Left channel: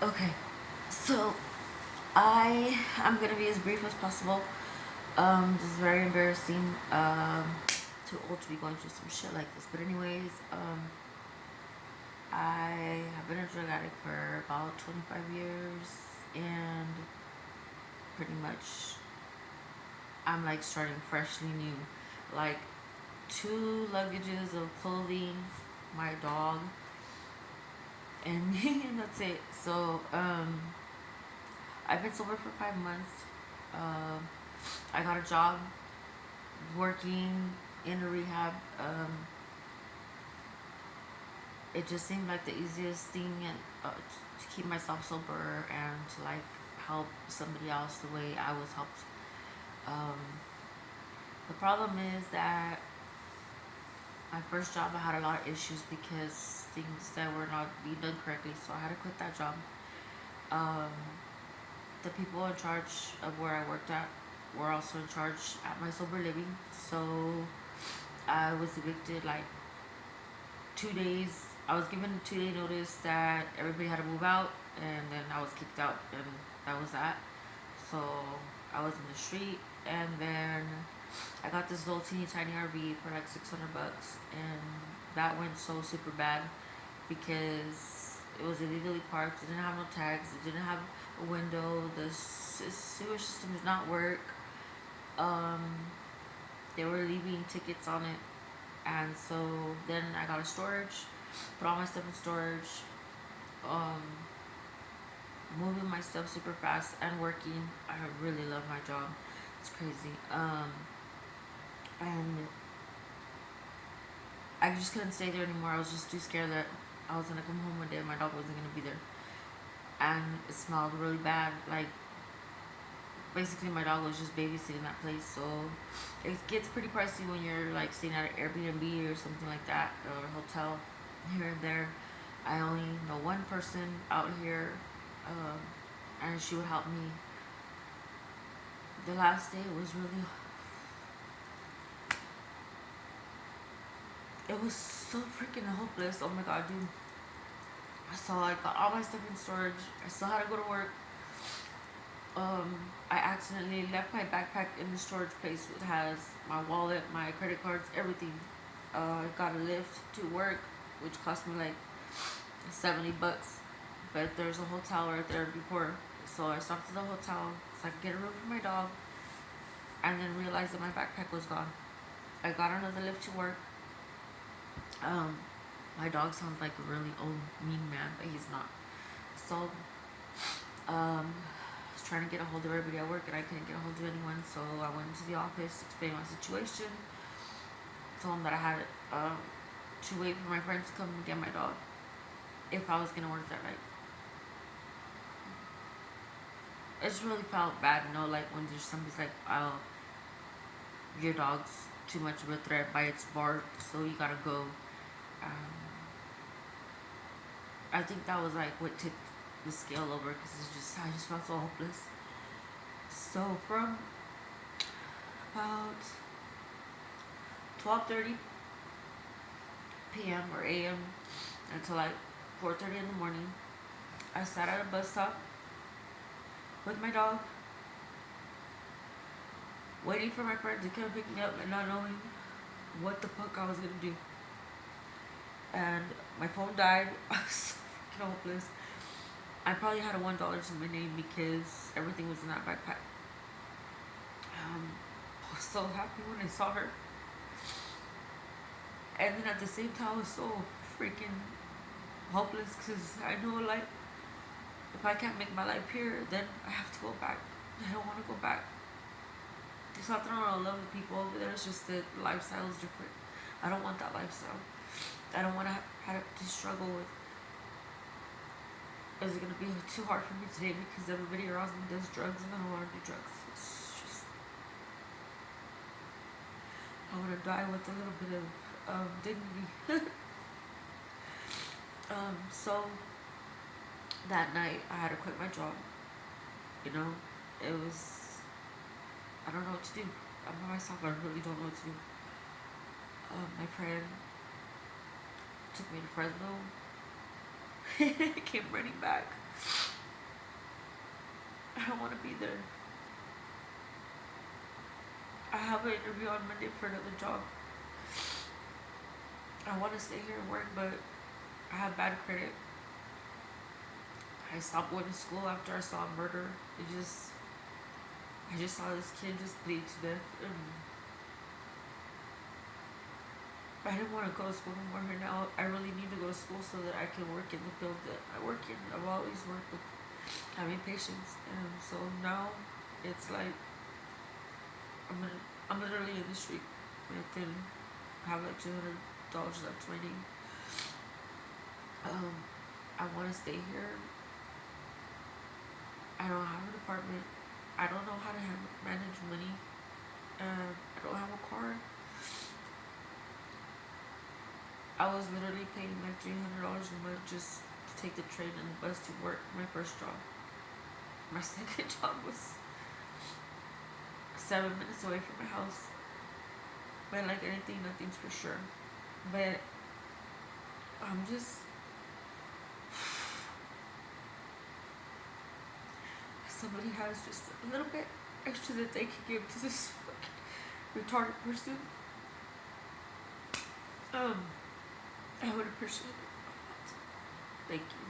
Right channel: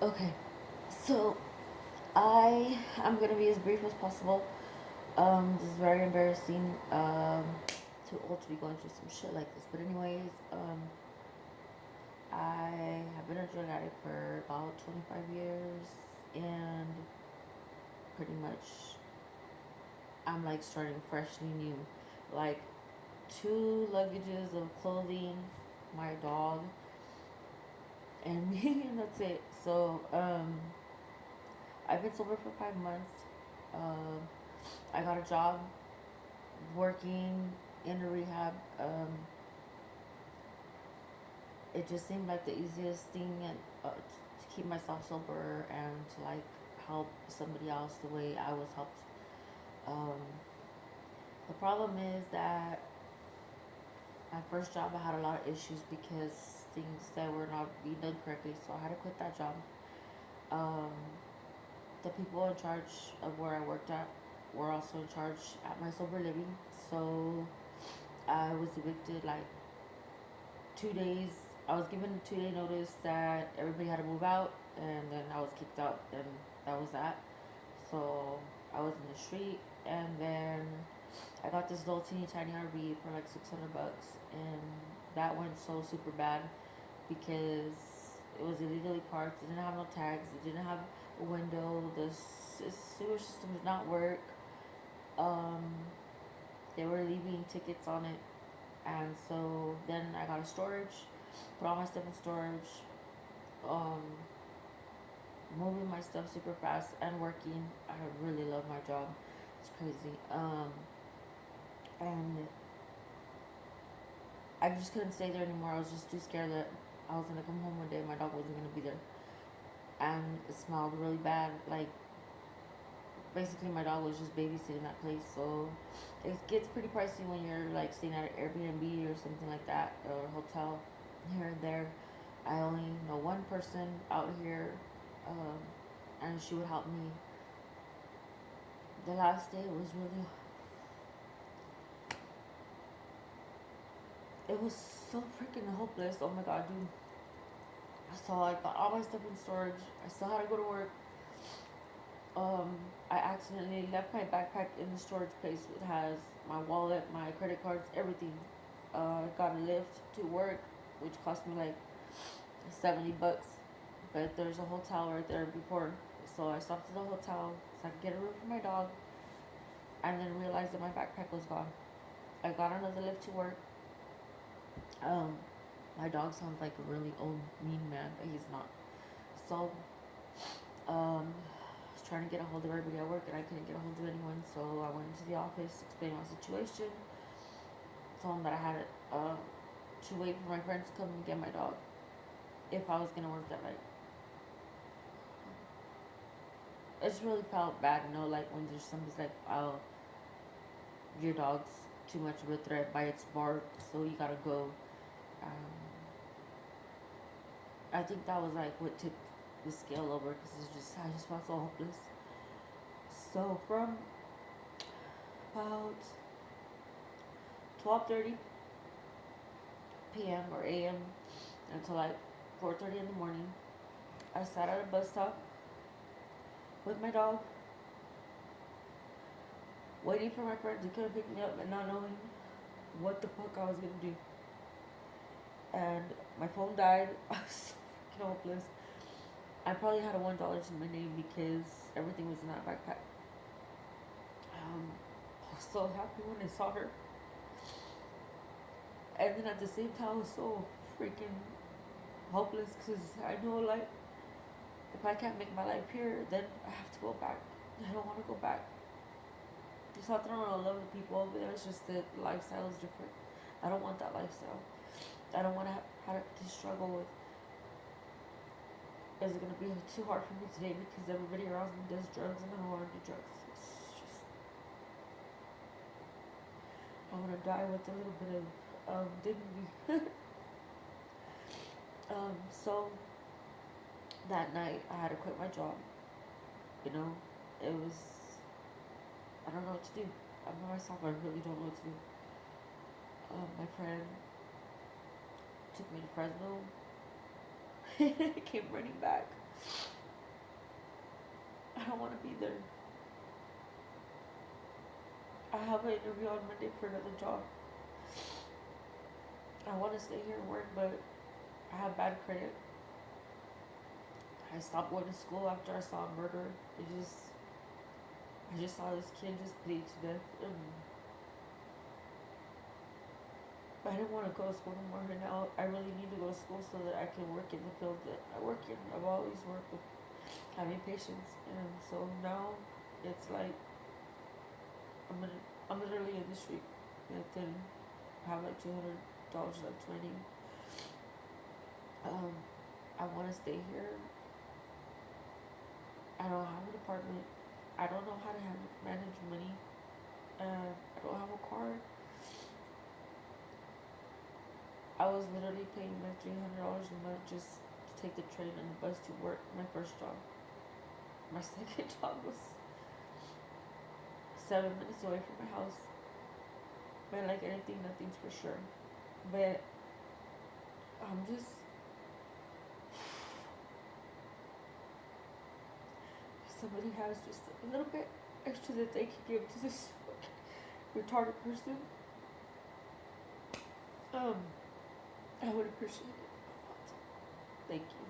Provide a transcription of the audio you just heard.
Okay, so I'm gonna be as brief as possible. This is very embarrassing. Too old to be going through some shit like this. But anyways, I have been a drug addict for about 25 years, and pretty much I'm like starting freshly new. Like two luggages of clothing, my dog, and me, and that's it. So I've been sober for 5 months. Uh, I got a job working in a rehab. It just seemed like the easiest thing and to keep myself sober and to like help somebody else the way I was helped. Um, the problem is that my first job I had a lot of issues because things that were not being done correctly, so I had to quit that job. Um, the people in charge of where I worked at were also in charge at my sober living, so I was evicted like 2 days. I was given a 2 day notice that everybody had to move out, and then I was kicked out, and that was that. So I was in the street, and then I got this little teeny tiny RV for like $600, and that went so super bad because it was illegally parked. It didn't have no tags. It didn't have a window. The sewer system did not work. Um, they were leaving tickets on it, and so then I got a storage, put all my stuff in storage, um, moving my stuff super fast and working. I really love my job. It's crazy. And I just couldn't stay there anymore. I was just too scared that I was gonna come home one day and my dog wasn't gonna be there. And it smelled really bad. Like basically my dog was just babysitting that place. So it gets pretty pricey when you're like staying at an Airbnb or something like that, or a hotel here and there. I only know one person out here, um, and she would help me. The last day it was so freaking hopeless. Oh my god, dude. So I got all my stuff in storage. I still had to go to work. I accidentally left my backpack in the storage place. It has my wallet, my credit cards, everything. I got a lift to work, which cost me like $70. But there's a hotel right there before, so I stopped at the hotel so I could get a room for my dog, and then realized that my backpack was gone. I got another lift to work. Um, my dog sounds like a really old mean man, but he's not. So I was trying to get a hold of everybody at work, and I couldn't get a hold of anyone. So I went to the office, explained my situation, told them that I had to wait for my friends to come and get my dog if I was gonna work that night. I just really felt bad, like when there's somebody's like, "Oh, your dog's too much of a threat by its bark, so you gotta go." Um, I think that was like what tipped the scale over because I just felt so hopeless. So from about 12:30 p.m. or a.m. until like 4:30 in the morning, I sat at a bus stop with my dog, waiting for my friend to come pick me up and not knowing what the fuck I was gonna do. And my phone died. I was so freaking hopeless. I probably had a $1 to my name because everything was in that backpack. I was so happy when I saw her. And then at the same time, I was so freaking hopeless because I know, like, if I can't make my life here, then I have to go back. I don't want to go back. It's not that I don't love the people over there, it's just that the lifestyle is different. I don't want that lifestyle. I don't want to have to struggle with, is it going to be too hard for me today because everybody around me does drugs and I don't want to do drugs. It's just, I want to die with a little bit of dignity. So that night I had to quit my job. You know, it was, I don't know what to do. I'm by myself, I really don't know what to do. My friend took me to Fresno. I came running back. I don't want to be there. I have an interview on Monday for another job. I want to stay here and work, but I have bad credit. I stopped going to school after I saw a murder. I just saw this kid just bleed to death. And I didn't want to go to school anymore. Right now, I really need to go to school so that I can work in the field that I work in. I've always worked with having patients, and so now it's like I'm literally in the street. I can have like $200 left remaining. I want to stay here. I don't have an apartment. I don't know how to manage money. I don't have a car. I was literally paying like $300 a month just to take the train and the bus to work. My first job. My second job was 7 minutes away from my house. But like anything, nothing's for sure. But I'm just somebody has just a little bit extra that they can give to this retarded person, I would appreciate it. Thank you.